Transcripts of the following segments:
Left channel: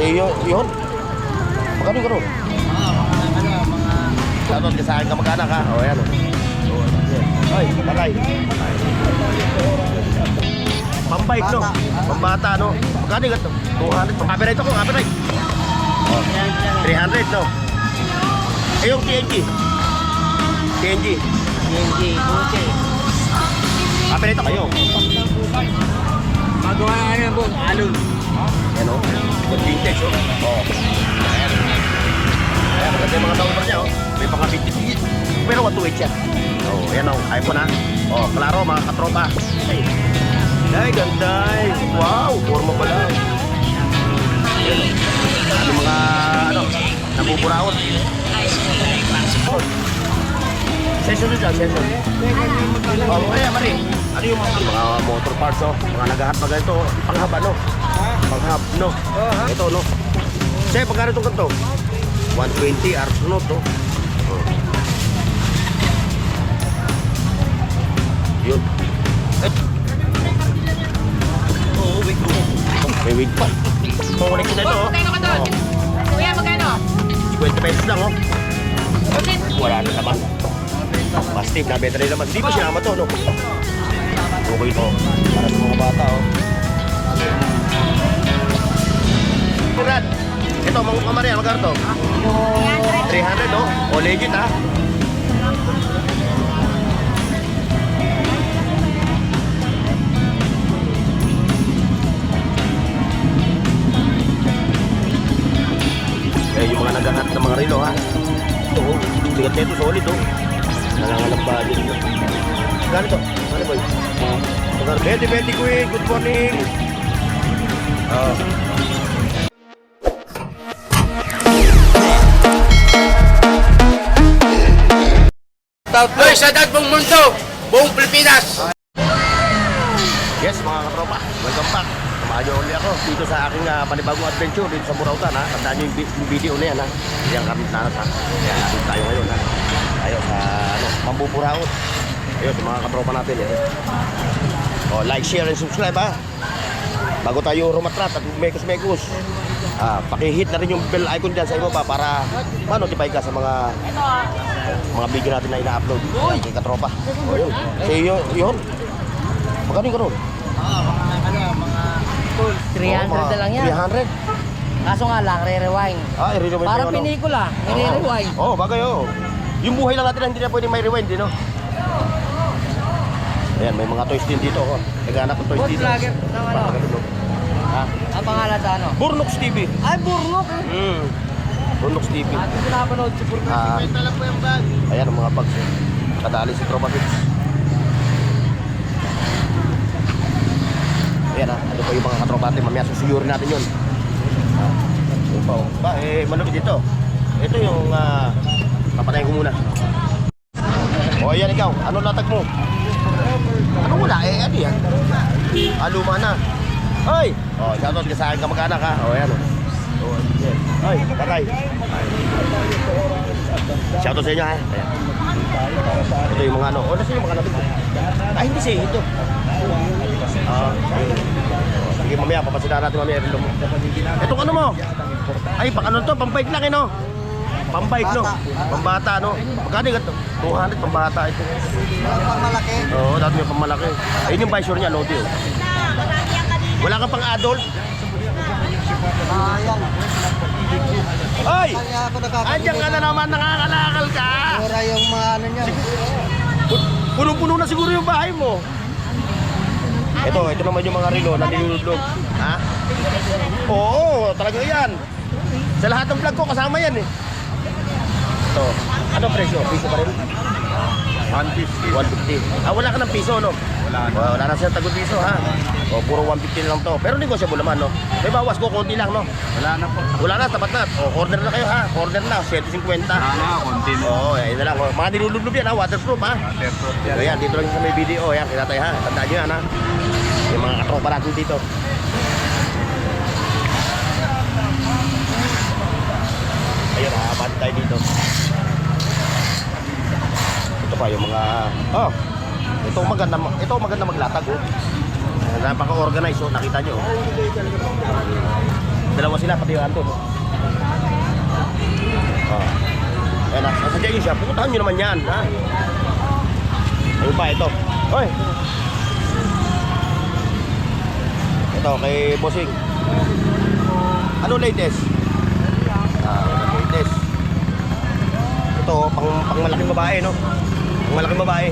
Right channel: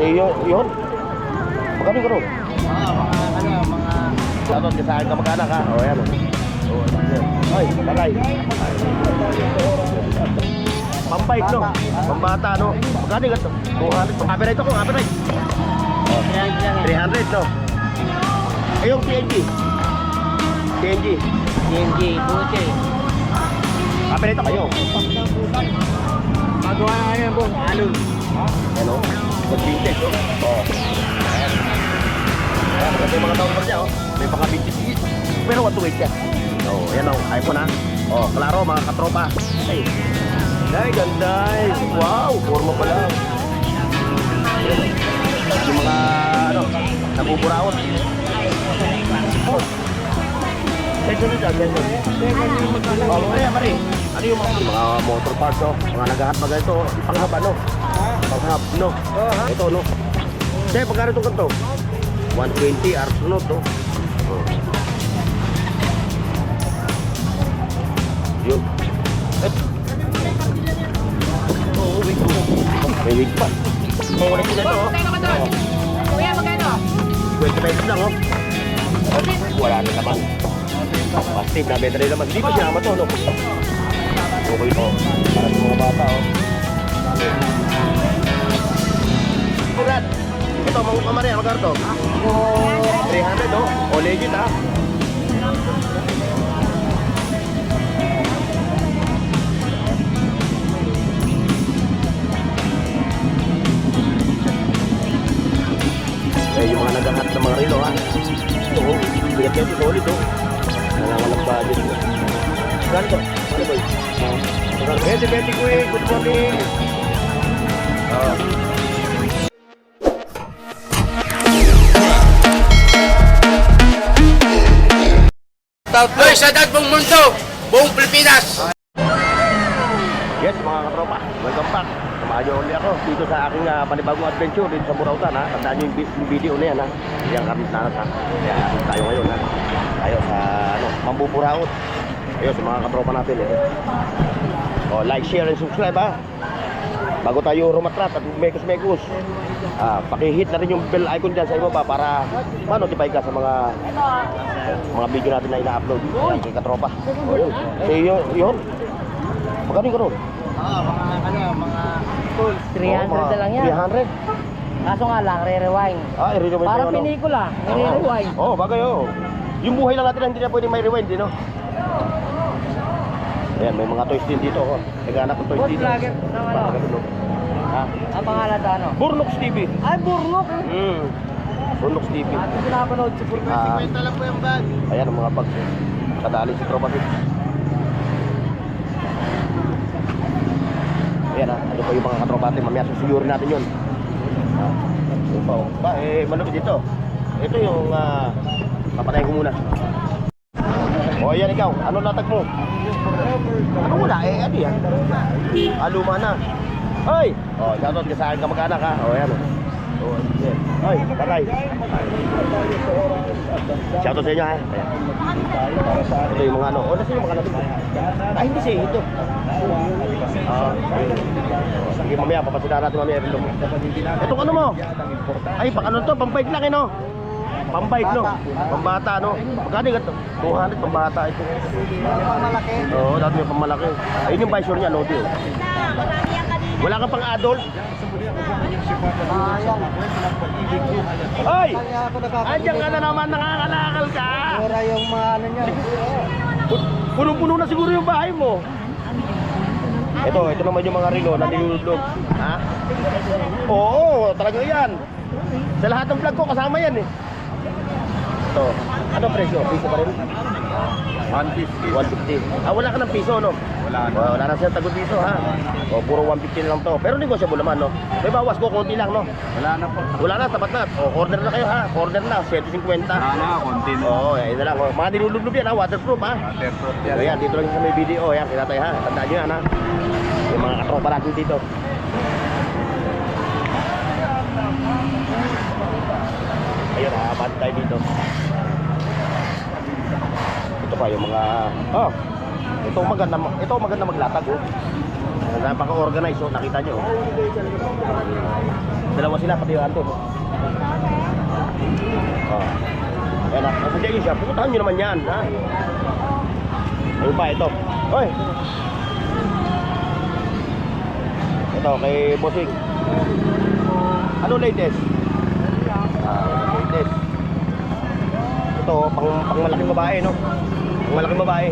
Yun. Magkano ka ron? Ano, sa akin ka magkana ka? O, yan. Ay, bagay. Pambait, no? Pambata, no? Magkano ka ito? 200. Copyright ako, copyright. 300, no? Eh, yung TNG. TNG. Buti. Copyright ako kayo. Magawa na yan po. Alon. Ano? Good vintage, oh. Oo. Ayan. Ayan, maganda yung mga taon niya, oh. May mga vintage. Pero 128 yan. Oh, ayan, oh. Kaya mo na. Oh, klaro, mga katropa. Ay, ganda. Wow, forma pala. Ayan, oh. Yung mga, ano, nabuburaot. Oh. Session dyan, session. Oh, ayan, mali. Ano yung mga motor parts, oh. Mga naghahat na ganito, oh. Panghaba, no? Panghab, no? Ito, no? Sir, pagkano itong kanto? 120, Arsenal, no? Yun. Oo, wait, may wait pa. Kukunin ko na ito, oh. Magkano ka doon? Kuya, magkano? 50 pesos lang, oh. Wala na naman. Plastic na battery naman. Dito siya naman to, no? Okay po. Para sa mga bata, oh. Brad, ito, mga kamarya, magkano to? 300, no? O, legit, ha? Eh, yung mga naghahat ng mga relo, ha? Ito, oh. Ligat nito, solid, oh. Walang budget, oh. Ganito, ano ba yun? Beti, kuya, good morning. Hoy, sa dad buong mundo, buong Pilipinas. Yes, mga katropa, welcome back. Samahan niyo ulit ako dito sa aking panibagong adventure dito sa Burautan, ha. Tandaan niyo yung video na yan, ha. Yang kami nanas, ha. Kaya tayo ngayon, ha. Tayo sa, ano, Mambuburaot. Ayun, sa mga katropa natin, eh. O, like, share, and subscribe, ha. Bago tayo rumatrat at mekus-mekus, pakihit na rin yung bell icon dyan sa ibaba para ma-notify ka sa mga video natin na ina-upload. Ay, kay katropa. Ayun. Yun. Magkano yung karoon? Mga tools. 300 na lang yan. 300? Kaso nga lang, re-rewind. I-rewind Parang yung ano. pelikula, re-rewind. Oo, bagay, oo. Yung buhay lang natin hindi na pwede may rewind, no? Ayan, may mga toys din dito, oh. Naghanap ng toys Boss dito. vlogger, ng ano? Ha? Ang pangalan sa ano? Burnox TV. Ay, Burnok. Burnox TV. At pinapanood si Burnok. 50 lang po yung bag. Ayan ang mga bags. Kadali si Tropa Bits. Ayan, ano pa yung mga katropa natin. Mamaya susuyurin natin yun. Yun pa, oh. Malapit dito. Ito yung papatayin ko muna. O, ayan ikaw. Ano latag mo? Ano wala? Ano yan? Luma na. Ay! O, shoutout ka sa akin kamag-anak, ha? O, ayan, o. Ay, bagay. Shoutout sa inyo, ha? Ito yung mga ano. O, nasa yung mga natin? Ay, hindi siya. Ito. Sige, mamaya. Papasinahan natin mamaya. Itong ano mo? Ay, pang ano to? Pampait lang, eh, no? Pambike, no? Pambata, no? Magkano yung ito? 200, pambata ito. Malaki. Oo, dati yung pamalaki. Ayun yung visor niya, Lodi. Wala ka pang adult? Ay! Andiyan ka na naman, nakakalakal ka! Pura yung mga ano niya. Puno-puno na siguro yung bahay mo. Ito naman yung mga relo na nilulog. Ha? Oo, talaga yan. Sa lahat ng vlog ko, kasama yan, eh. Ito. Ano presyo? Piso pa rin? 150. 150. Wala ka ng piso, no? Wala na siya tagod piso, ha? O, puro 150 na lang to. Pero negosyable naman, no? May bawas ko, konti lang, no? Wala na po. Wala na, tapat na. O, order na kayo, ha? Order na, 750. Konti na. Oo, yun na lang. Mga nilulublob yan, ha? Waterproof, ha? Waterproof yan. Ayan, dito lang sa may video. Ayan, kinatay, ha? Tandaan nyo yan, ha? Yung mga katropa natin dito. Ayun, nakakapan tayo dito. Ito pa yung mga... Oh! Ito maganda maglatag, oh. Napaka-organize, oh. Nakita nyo, oh. Dalawa sila, pati yung Anton. Ayan na, nasadya yun siya. Pupuntahan nyo naman yan, ha? Ano pa, ito. Hoy! Ito, kay Bossing. Ano latest? Latest. Ito, pang malaking babae, no? Pang malaking babae.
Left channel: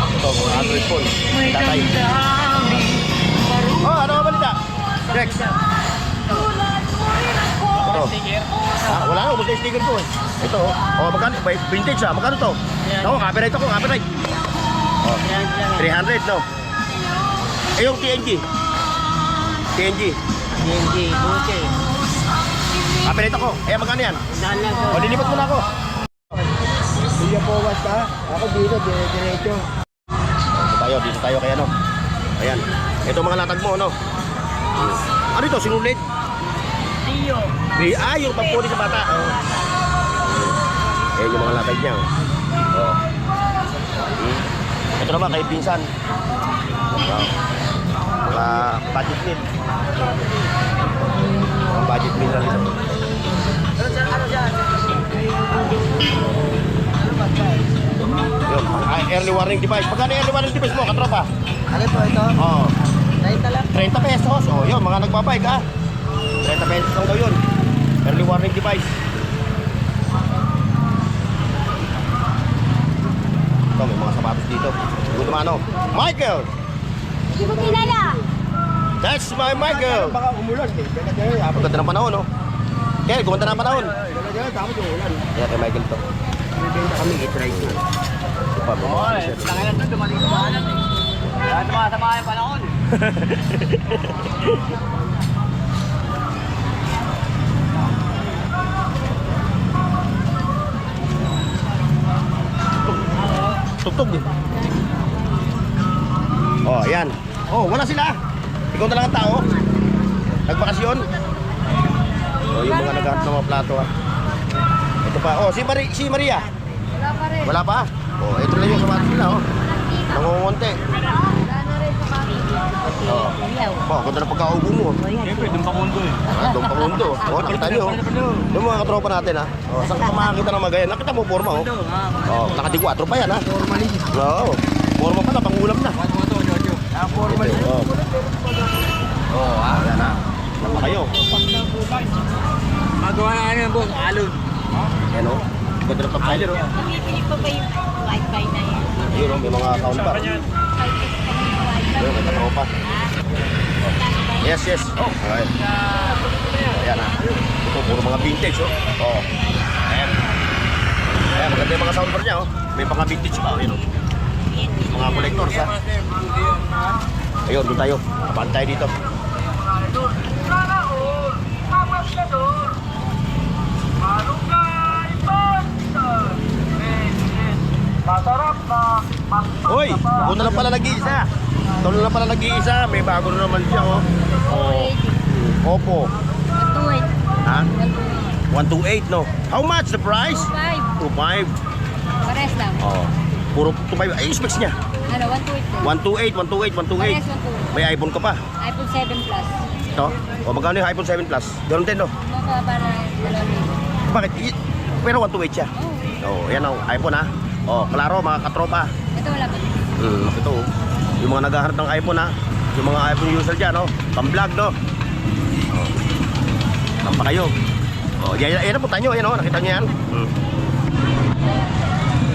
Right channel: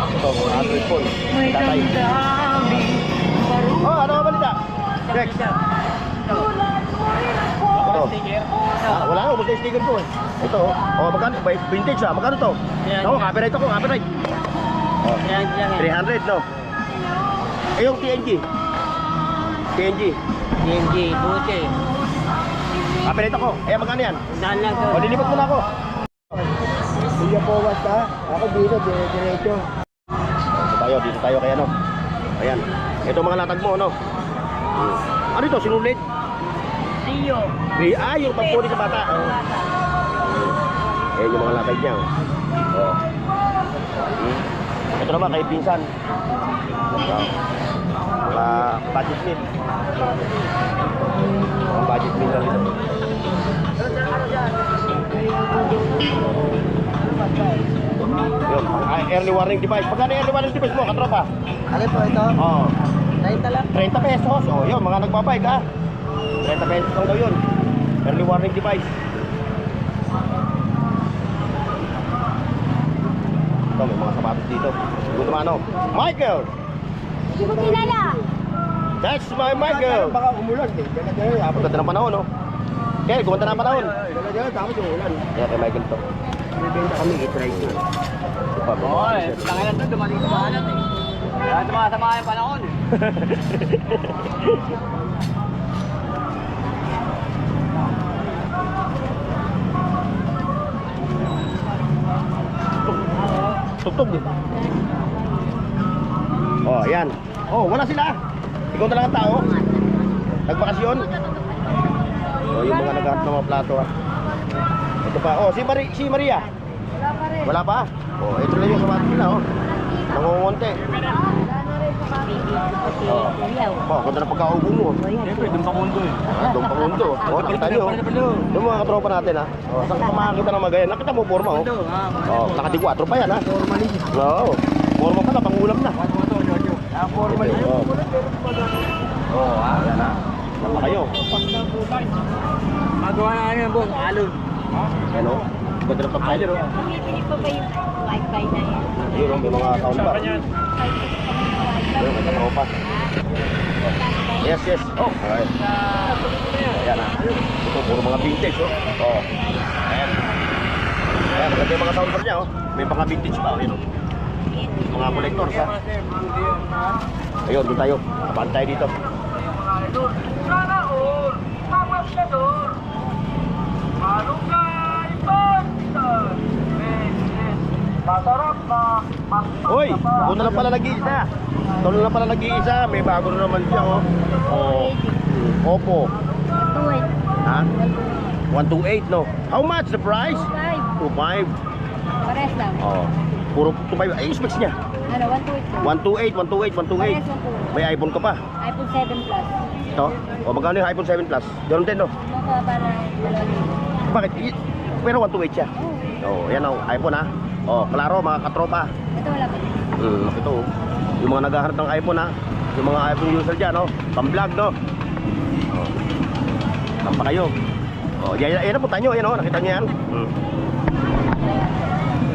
Ito, Android phone. Tatay. Oh, ano ka balita? Rex. Ito. Wala na, ubos na yung sticker ko eh. Ito, oh, magkano? Vintage ah, magkano to? Ako, copyright ako, copyright. Oh, 300, no? Eh, yung TNG. TNG. TNG, buti. Copyright ako. Eh, magkano yan? Saan lang to? O, lilipat mo na ako. Kuya Powas ka? Ako dito, diretso. Dito tayo kaya no. Ayan. Ito mga latag mo, no? Ano ito? Sinulit? Rio. Yung pagpuli sa bata. Ayan yung mga latag niya. Oh. Ito naman kay pinsan. Mga budget meal. Mga budget meal lang ito. Early warning device. Magkano yung early warning device mo, katropa? Ano po ito? Oo. 90 lang. 30 pesos. O yun, mga nagbabike ha. 30 pesos lang daw yun. Early warning device. Ito, may mga sapatos dito. Ito mga ano. Michael! Hindi ko kilala. That's my Michael! Baka umulan eh. Ang ganda ng panahon, no? Kaya, gumanda na ang panahon. Tapos yung ulan. Kaya kay Michael to. Bibenta kami, i-try ko. Oo, Tangin na to, dumating sa bahanan eh. Kaya tumasama yung panahon eh. Tugtog din. Oh, ayan. Oh, wala sila. Ikaw na lang ang tao. Nagbakasyon. Oh, yung mga naghahanap ng mga plato ah. Ito pa. Oh, si Maria. Wala pa rin. Wala pa? Oh, ito lang yung sapatos nila oh. Nangungunti. Wala na rin sa kami. Oh. Oh, ganda ng pagkaubo mo. Siyempre, dun pa mundo eh. Doon pa mundo. Oh, kita nyo. Yung mga katropa natin ha. Oh, saan ka makakita ng magayan? Nakita mo forma oh. Oh, naka-D4 pa yan ha. Formally. Oo. Forma pa na, pangulam na. Formally. Oh. Oh, ayan na. Saan pa kayo? Magawa na ano yung boss, alon. Yan o. Ganda ng top-sider o. Bumibili pa ba yung wifi na yan? Ayun o, may mga account ba? Ayun, may katao pa. Yes, yes. Oh, alright. Ayan na. Ito, puro mga vintage o. Oh. Ayan. Ayan, maganda yung mga soundbar niya o. May mga vintage pa. Ayun o. Mga collectors ha. Ayun, doon tayo. Kapaan tayo dito. Hoy, ako na lang pala nag-iisa. Ito na lang pala nag-iisa. May bago na naman siya oh. Oh. Oppo. Tuwid. Ha? 128 no. How much the price? 5. 25. Pares lang. Oh. Puro 25. Ay, yung specs niya. Ano, 128 lang. 128. Pares 128. May iPhone ka pa. iPhone 7 Plus. Ito. O magkano yung iPhone 7 Plus? Ganun din no. Mababa na 2,000. Bakit? Pero 128 siya. Oh, yan oh. iPhone ha. Oh, klaro mga katropa. Ito wala pa. Ito oh. Yung mga naghahanap ng iPhone ha. Yung mga iPhone user dyan no. Pang-vlog no. Oh. Tampa kayo. Oh, yan po tayo. Yan oh. Nakita niyo yan.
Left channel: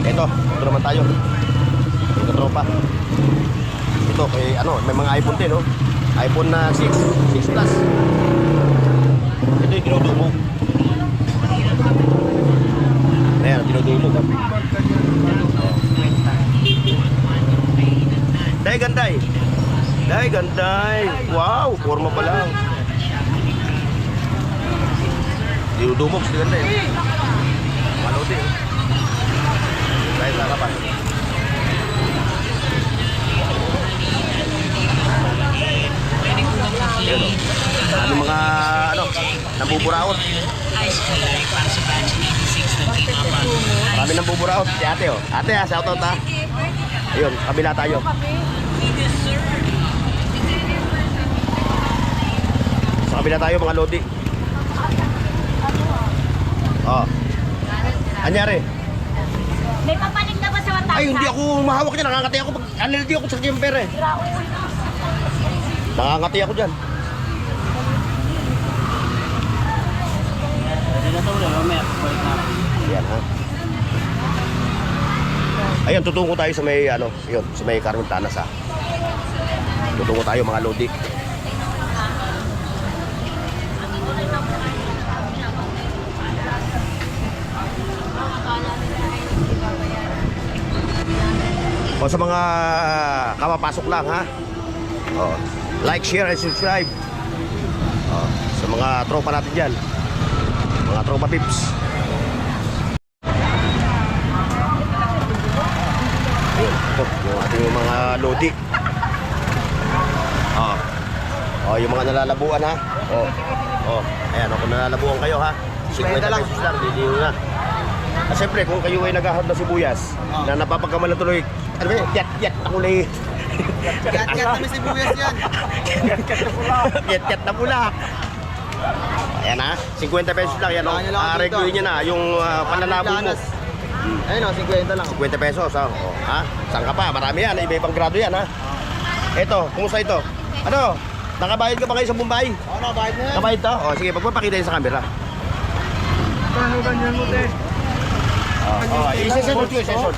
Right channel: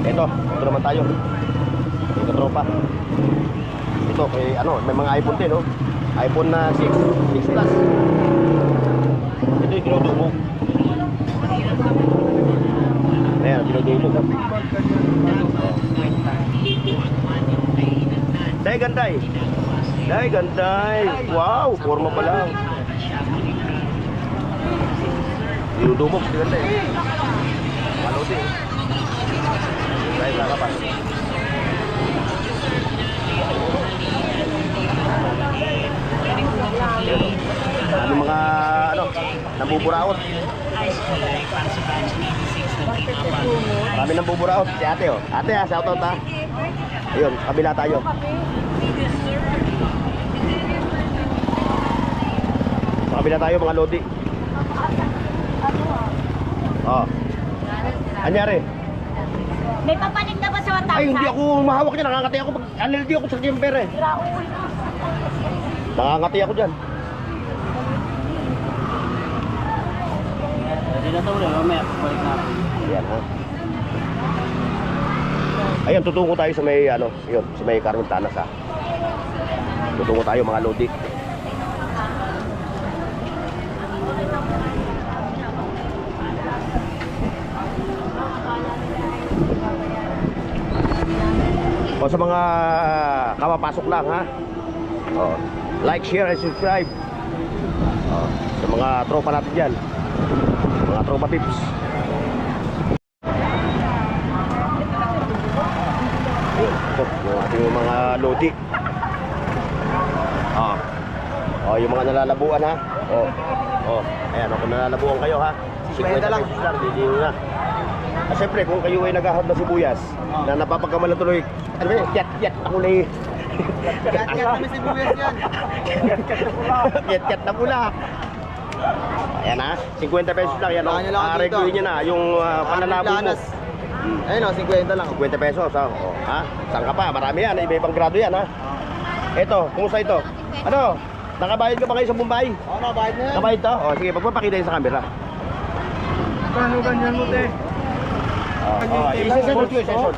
Ito naman tayo. Yung katropa. Ito kay ano, may mga iPhone din no. iPhone na 6 Plus. Ito yung dinudubog. Ayan, dinudubog. Day ganday. Day ganday. Wow, forma pa lang. Dinudubog si ganday. Malo din. Day sa kapan. Ano mga ano, nabuburaot. Marami nabuburaot. Si ate oh. Ate ha, shoutout ha. Ayun, kabila tayo. kabila tayo mga lodi. Oh. Anyari? May papalit na ba sa 1,000? Ay, hindi ako mahawak niya. Nakangati ako pag allergy ako sa jumper eh. Nakangati ako dyan. Hindi na ito ulit, mamaya, balik na ako. Ayan ha. Ayan, tutungo tayo sa may ano, yun, sa may Carmontanas ha. Tutungo tayo mga lodi. O sa mga kapapasok lang ha. O, like, share, and subscribe. O, sa mga tropa natin dyan. Mga tropa pips. Ito, yung ating mga lodi. Yung mga nalalabuan ha. Ayan, kung nalalabuan kayo ha. 50 lang. Diliw na. Siyempre, kung kayo ay naghahap na sibuyas na napapagkamal na tuloy, ano ba yun? Yat-yat na kulay. Yat-yat na sibuyas yan. Yat-yat na pula. Ayan ha, 50 pesos lang yan. Baka nyo lang ako dito. Reguin nyo na yung panlalabo mo. Ayun o, 50 lang. 50 pesos ha. Ha? Saan ka pa? Marami yan. Iba-ibang grado yan ha. Ito, kumusta ito? Ano? Nakabayad ka ba kayo sa Mumbai? Oo, nakabayad na yan. Nakabayad to? O sige, pagpapakita yun sa camera. Paano ganyan mo, te? Session mo yun, session.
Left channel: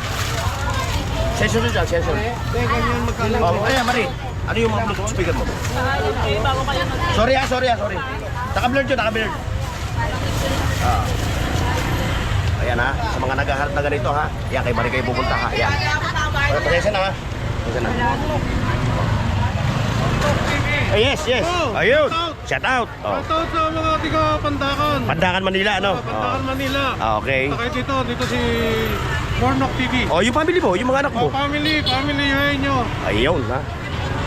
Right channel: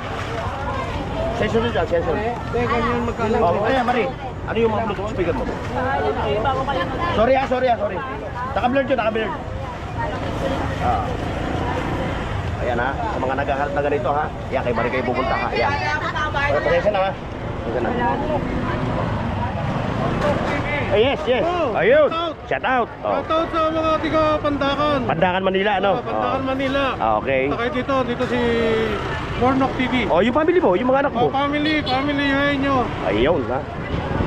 Session yun dyan, session. Te, ganyan magkano. Ayan, Mari. Ano yung Bluetooth speaker mo? Sorry. Naka-blurred yun, naka-blurred. Ayan ha, sa mga naghaharap na ganito ha. Ayan, kay Mari kayo pupunta ha. Ayan. Pasensya na ha. Pasensya na. Yes. Ayun. Shout out. Shoutout sa mga tiga Pandakan. Pandakan, Manila, ano? Pandakan, Manila. Okay. Sakay dito si Mornok TV. Oh, yung family mo, yung mga anak mo. Family yun nyo. Ayun ha.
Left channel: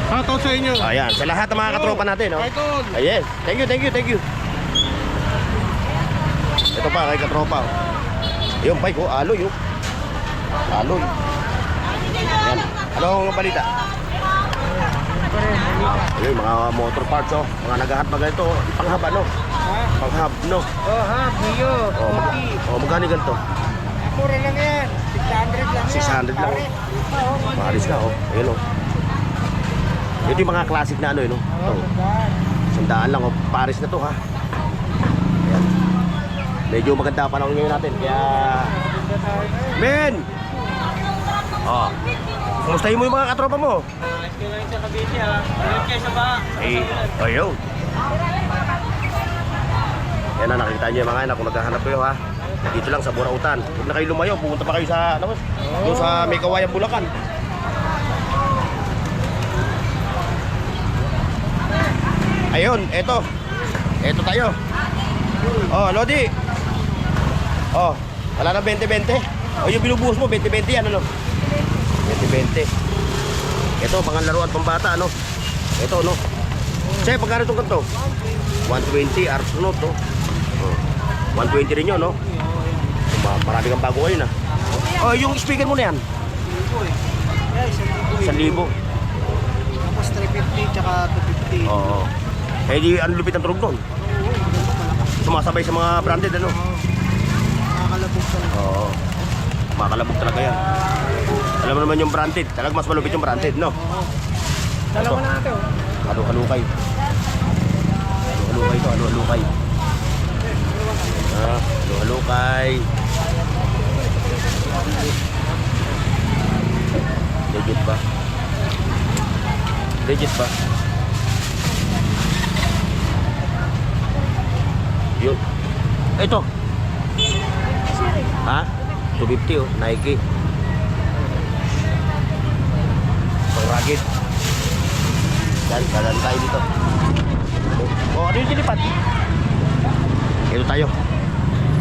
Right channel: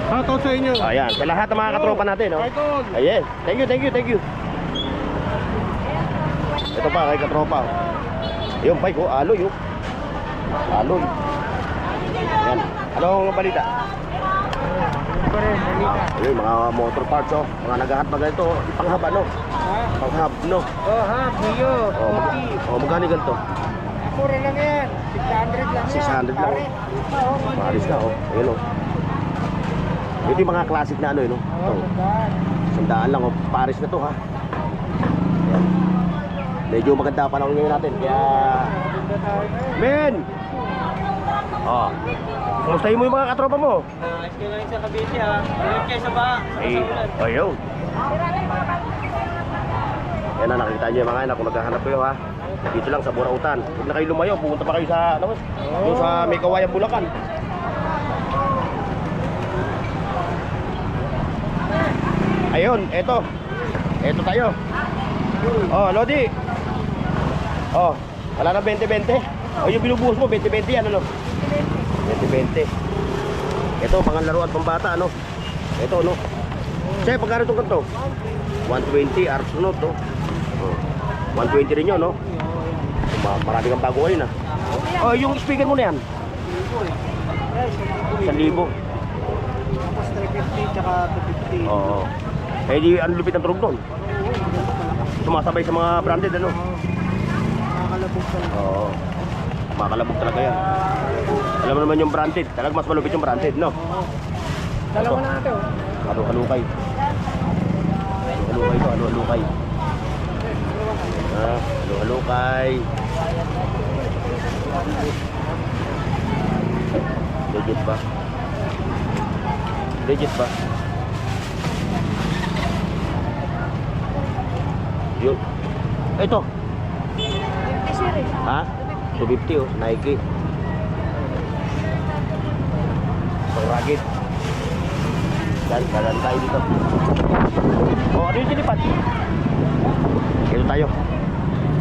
Shoutout sa inyo. Ayan, sa lahat ng mga katropa natin, no? Idol. Yes. Thank you. Ito pa, kay katropa. Yung bike ko, aloy, oh. Aloy. Ayan. Anong balita? Ayun, mga motor parts, oh. Mga naghahat na ganito, oh. Panghab, ano? Panghab, no? Oh, ha, Mio. Magkano ganito? Mura lang yan. 600 lang 600 lang, oh. Maalis na, oh. Ayun, oh. Ito yung mga classic na ano, yun, oh. Sandaan lang, oh. Paris na to, ha. Ayan. Medyo maganda pa lang ngayon natin, kaya... Men! Oh. Kumustahin mo yung mga katropa mo? Ayos ka lang sa Cavite, ha. Ayos kayo sa ba? Ayun. Yan na, nakikita nyo yung mga anak kung naghahanap kayo ha. Dito lang sa Burautan. Huwag na kayo lumayo, pupunta pa kayo sa, ano, yung sa may Kawayan, Bulacan. Ayun, eto. Eto tayo. Oh, Lodi. Oh, wala na 20-20. O yung binubuhos mo, 20-20 yan, ano? 20-20. Ito, mga laruan pang bata, ano? Ito, no? Che, pagkano itong kanto? 120, Arsenal, to. 120 rin yun, no? Marami kang bago ngayon, ah. Oh, yung speaker mo na yan? 1,000. Tapos 350 tsaka 250. Oo. Eh, di, ang lupit ang turog doon. Sumasabay sa mga branded, ano? Nakakalabog ka lang. Oo. Makalabog talaga yan. Alam mo naman yung branded. Talagang mas malupit yung branded, no? Dalawa na natin, oh. Halukay. Halukay to, halukay. Halukay. Legit ba? Yun. Ito. Ha? 250 oh, Nike. Pang rugged. Dalan tayo dito. Oh, ano yung sinipat? Ito tayo.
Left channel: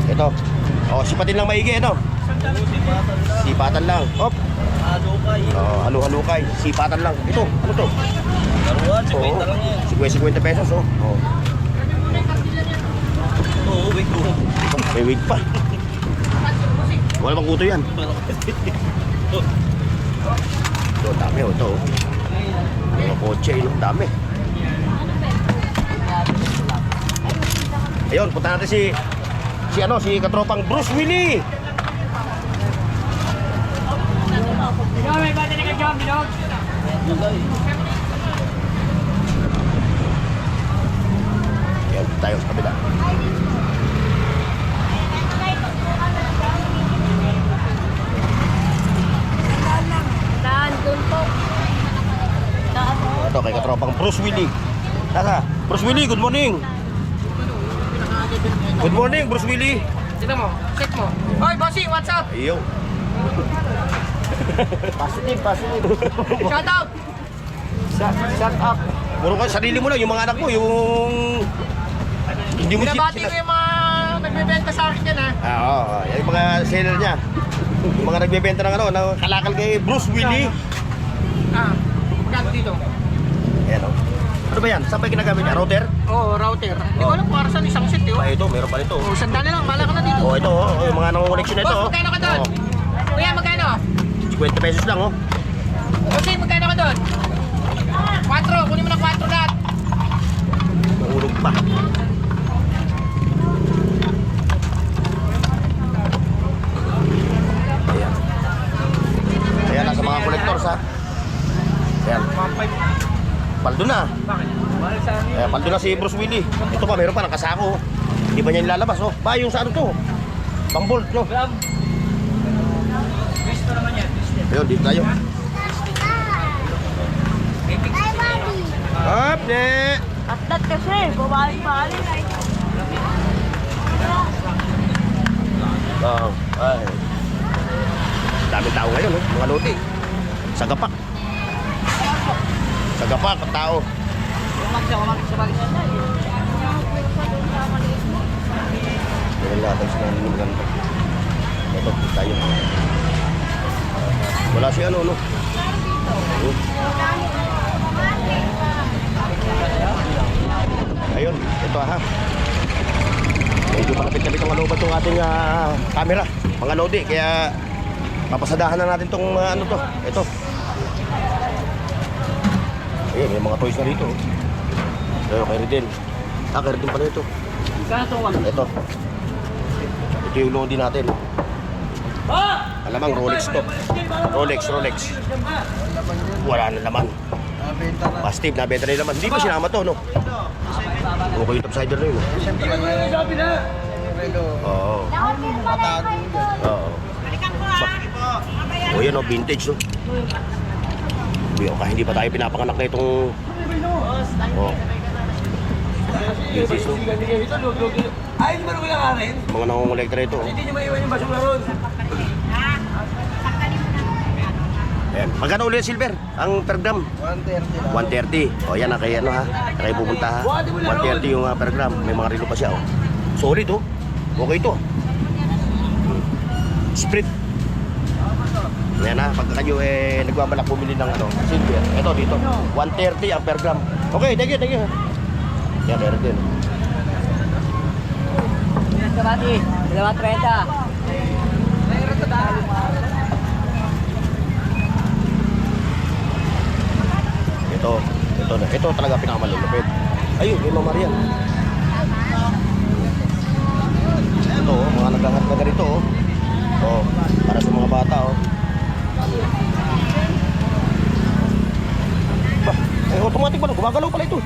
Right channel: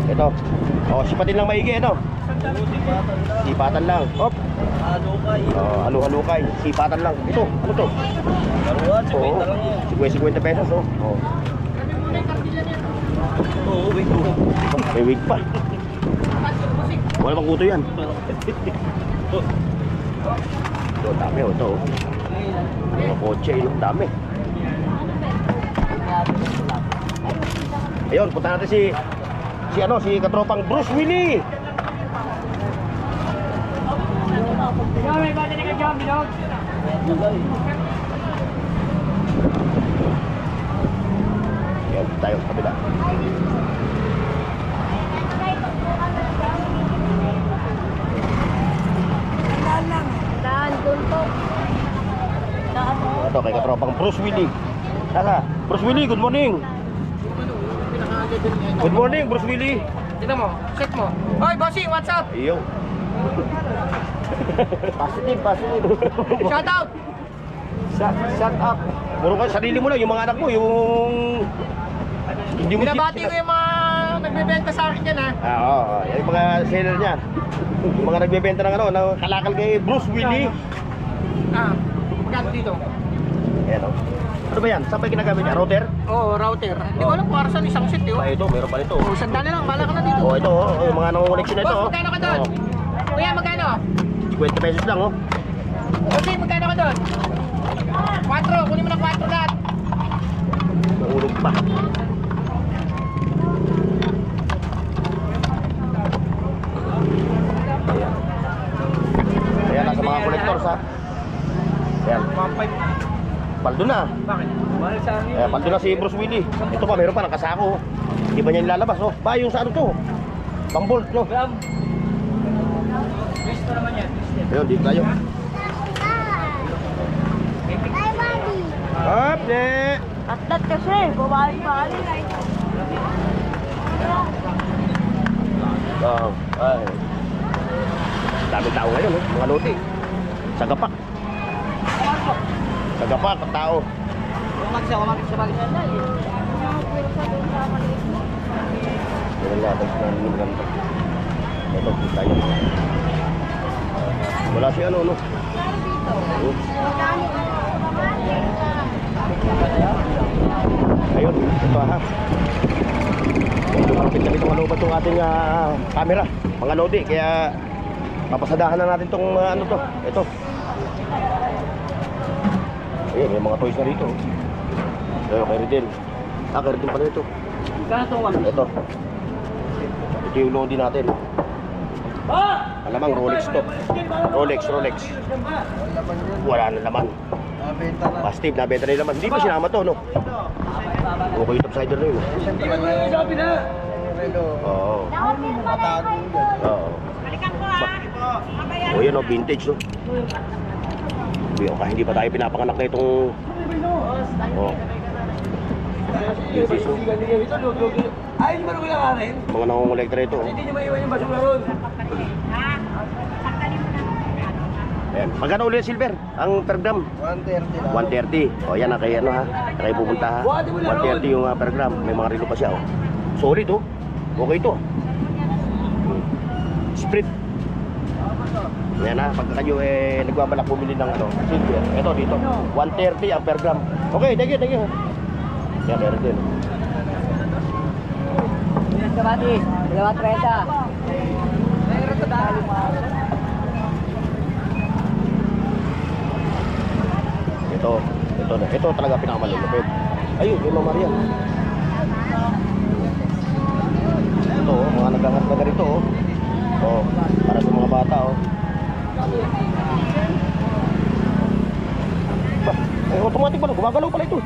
Ito. Oh, sipatin lang maigi, ano? Sipatan lang. Hop. Oh, halo-halukay. Sipatan lang. Ito, ano to? Laruan, 50 lang yan. 50 pesos, oh. Oh. Oo, wait mo. May wig pa. Wala bang kuto yan? Ito, dami, oh. Ito, oh. Mga kotse, dami. Ayun, punta natin si katropang Bruce Willie. Ayun, tayo sa kabila. Daan, doon po. Daan po. Ito, kay katropang Bruce Willie. Tara, Bruce Willie, good morning. Good morning, Bruce Willie. Tignan mo, check mo. Hoy, bossy, what's up? Iyo. Positive, positive. Shout out! Shut up. Puro ka, sarili mo lang, yung mga anak mo, yung... Hindi mo Binabati ko yung mga nagbebenta sa akin dyan, ha? Oo, yung mga seller niya. Yung mga nagbebenta ng kalakal kay Bruce Willie. Ah, magkano dito? Ayan o. Ano ba yan? Saan ba yung ginagamit niya? Router? Oo, router. Hindi ko alam kung para saan isang set, yun. Ah, ito, meron pa nito. Oh, sandali lang, bala ka na dito. Oh, ito, yung mga nangungoneksyon na ito. Boss, magkano ka doon? Kuya, magkano? 50 pesos lang, oh. Bossy, magkano ka doon? 4, kunin mo ng 4 lahat. Mahulog pa. Ayan. Ayan, nasa mga collectors, ha. Ayan. Paldo na. Bakit? Ayan, paldo na si Bruce Willie. Ito pa, meron pa nakasako. Hindi ba niya nilalabas, oh? Ba, yung sa ano to? Pang-bolt, no? Gusto naman yan. Ayun, dito tayo. Up, ne! Atlat kasi, bumali-bali. Ay. Daming tao ngayon, eh. Mga lote. Sagapak. Sagapak, ang tao. Meron natin sa mga ganito. Ito, tayo. Wala si ano, no? Ayun, ito ha. Malapit na dito malubat itong ating camera. Mga lodi, kaya papasadahan na natin itong ano to. Ito. Ayun, may mga toys na rito. Ayun, kay Ridin. Kay Ridin pala ito. Ito. Ito yung lodi natin. Alamang Rolex to. Rolex. Wala na naman. Positive, nabenta na naman. Hindi pa sinama to, no? Okay, yung topsider na yun. Oo. Oo. O yan, vintage, no? Hindi pa tayo pinapanganak na itong... Oh. Vintage, no? Ay, hindi ba nung rin? Mga nangongolekta rito. Hindi nyo maiwan yung basura ron. Ayan. Magkano ulit silver? Ang per gram? 130 lang. 130. O yan, kay ano ha? Kaya pupunta ha? 130 yung per gram. May mga relo pa siya, oh. Solid, oh. Okay ito. Sprit. Yan ha, pagka kayo nagbabalak bumili ng silver. Ito dito. 130 ang per gram. Okay, thank you. Yan, meron din. Kabati, 2.30. Ito talaga pinakamalulupit. Ayun, yung Mama Maria. Ito, mga naghahat na ganito, oh. Oh, para sa mga bata, oh. Automatic ba? Gumagalaw pala ito.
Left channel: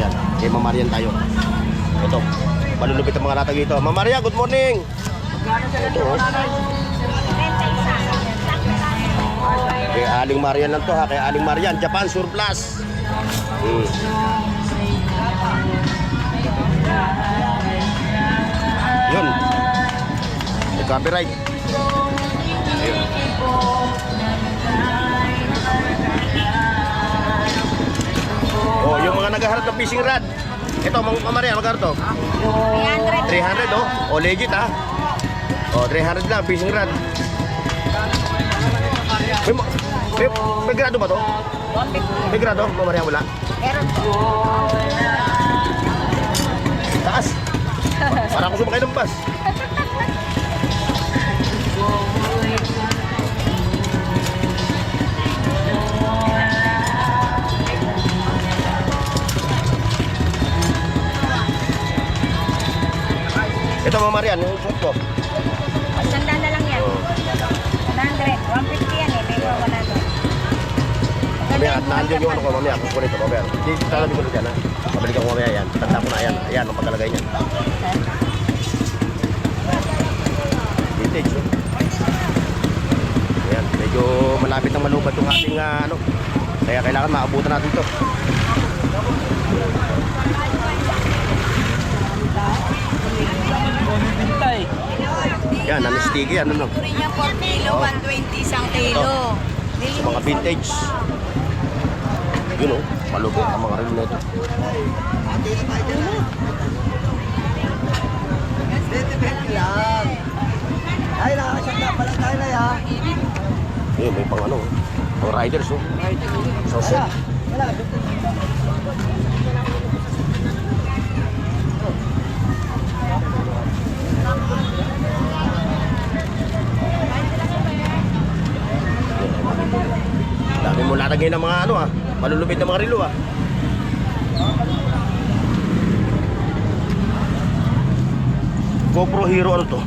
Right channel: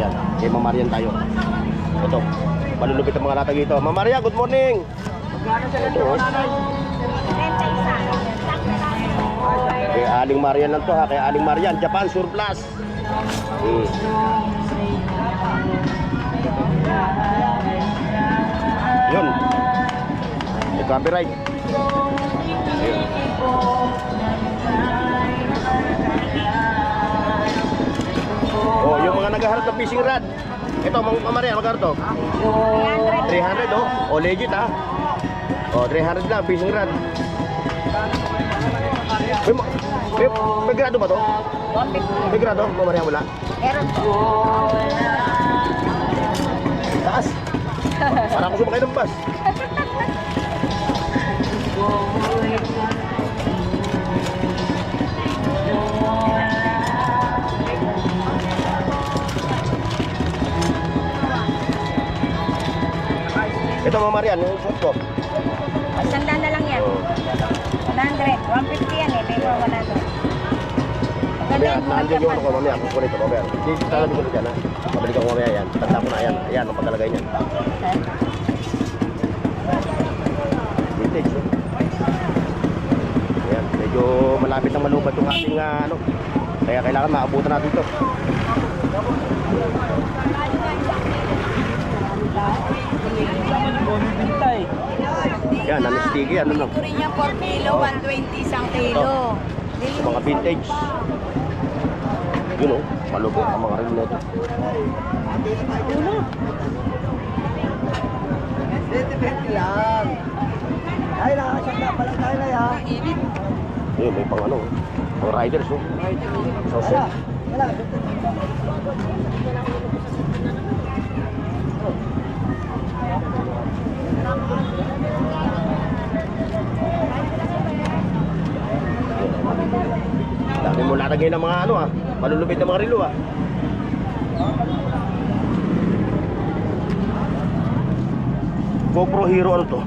Ayan, kay Mama Marian tayo. Ito, malulupit ang mga latag ito. Mama Maria, good morning. Ito, oh. Kay Aling Marian lang to ha. Kay Aling Marian, Japan Surplus. Yun. May copyright. Ayun. Oh, yung mga naghaharap ng fishing rod. Ito, Mama Maria, magkano to? 300, oh. Oh, legit ha. Oh, 300 lang, fishing rod. May grado ba to? May grado? Mama Maria, wala? Meron po. Taas. Para ako sumakay ng bus. Ito mga Marian, yung suot ko. Sandaan na lang yan. Oh. 100. 150 yan eh. May mga 100. Mamaya, nandiyan yung ano ko mamaya. Kukunin ko mamaya. Hindi, talabi ko na dyan ha. Pabalik ako mamaya yan. Tanda ko na yan. Ayan, ang pagkalagay niyan. Vintage, no? Ayan, medyo malapit ng malubat yung ating ano. Kaya kailangan maabutan natin ito. Yan, sticky ano no? Puri niya 4 kilo, 120 isang kilo. Sa mga vintage. Yun o, palubo ang mga rin nito. lang. Ay, nakakasya pala tayo na ya. Yun, may pang ano, mga riders o. Sausage. Dami mo lalagay ng mga ano malulupit na mga rilo GoPro Hero ano to?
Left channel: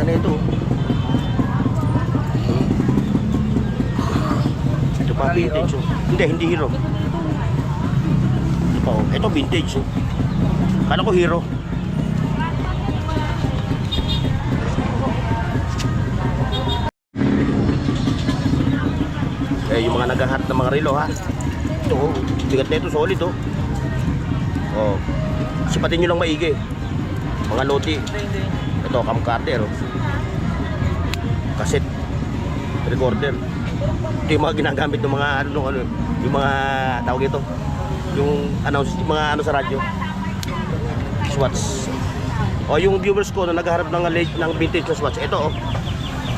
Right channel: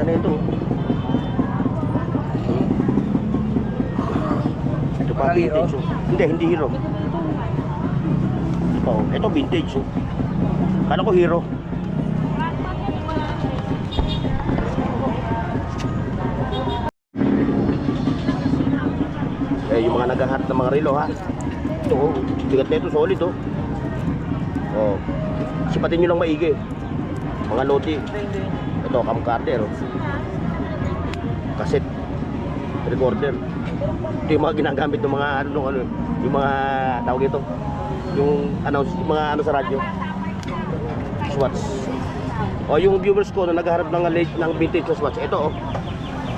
Ano ito? Ito pa vintage Hindi Hero. Ito vintage Kala ko Hero. Yung mga naghahanap ng mga relo ha. Ito bigat na ito, solid sipatin nyo lang maigi. Mga loti. Ito, camcorder cassette recorder. Ito yung mga ginagamit ng mga yung mga tawag ito. Yung mga ano sa radyo. Swatch. Yung viewers ko na naghahanap ng vintage na Swatch. Ito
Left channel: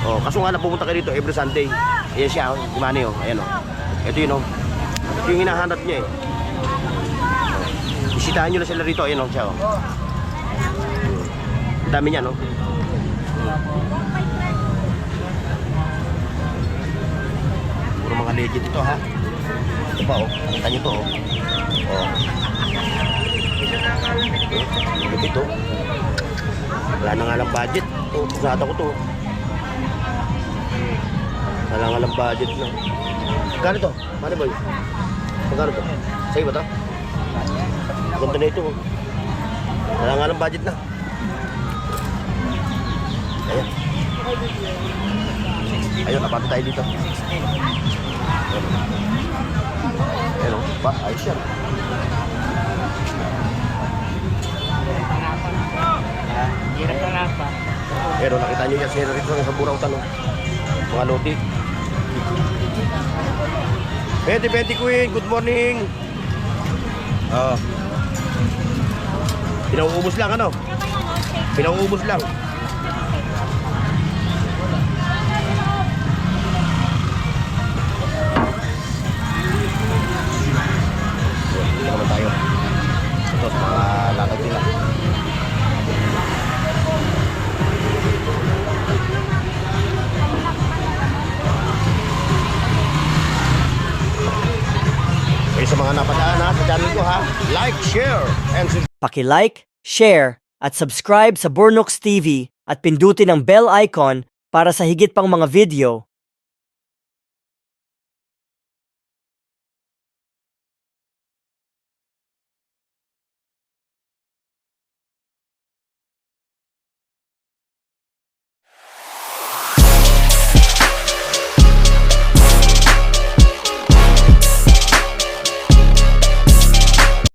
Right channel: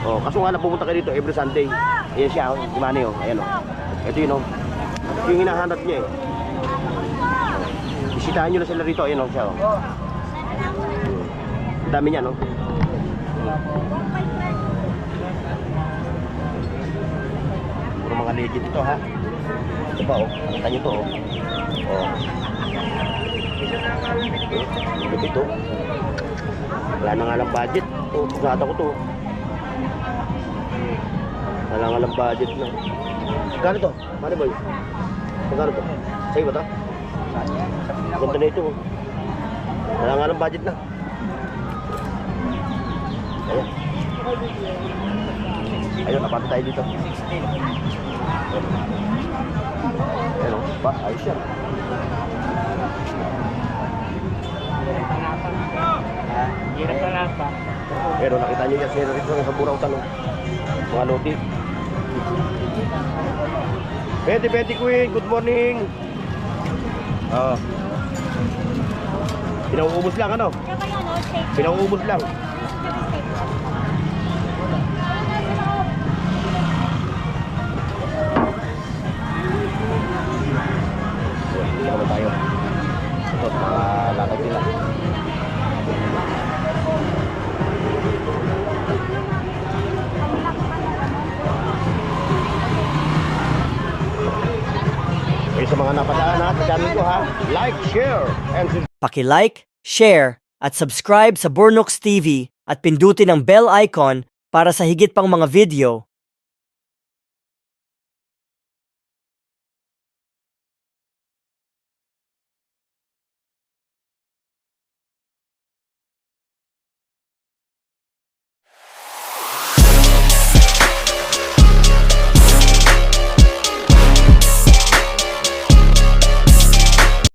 kaso nga pumunta kayo dito every Sunday. Ayan siya, yung money ayan Ito yun Ito yung hinahanap niya Bisitahan nyo na sila rito, ayan siya Ang dami niya Puro mga legit ito ha. Ito pa nakita nyo ito Ito wala na nga lang budget. Kusada ko to. Wala nga lang budget na. Magkano to? Mani boy? Magkano to? Sa'yo ba to? Ganda na ito Wala nga lang budget na. Ayun, napagod tayo dito. Ayun ba? Ayos yan. Hirap na lang pa. Pero nakita nyo yan sa burang tanong. Mga loti. Betty Queen, good morning. Pinauubos lang Pinauubos lang. Hindi naman tayo. Ito sa mga lakad nila. Sa mga napadaan sa channel ko ha, like, share, and Paki-like, share, at subscribe sa Bornox TV at pindutin ang bell icon para sa higit pang mga video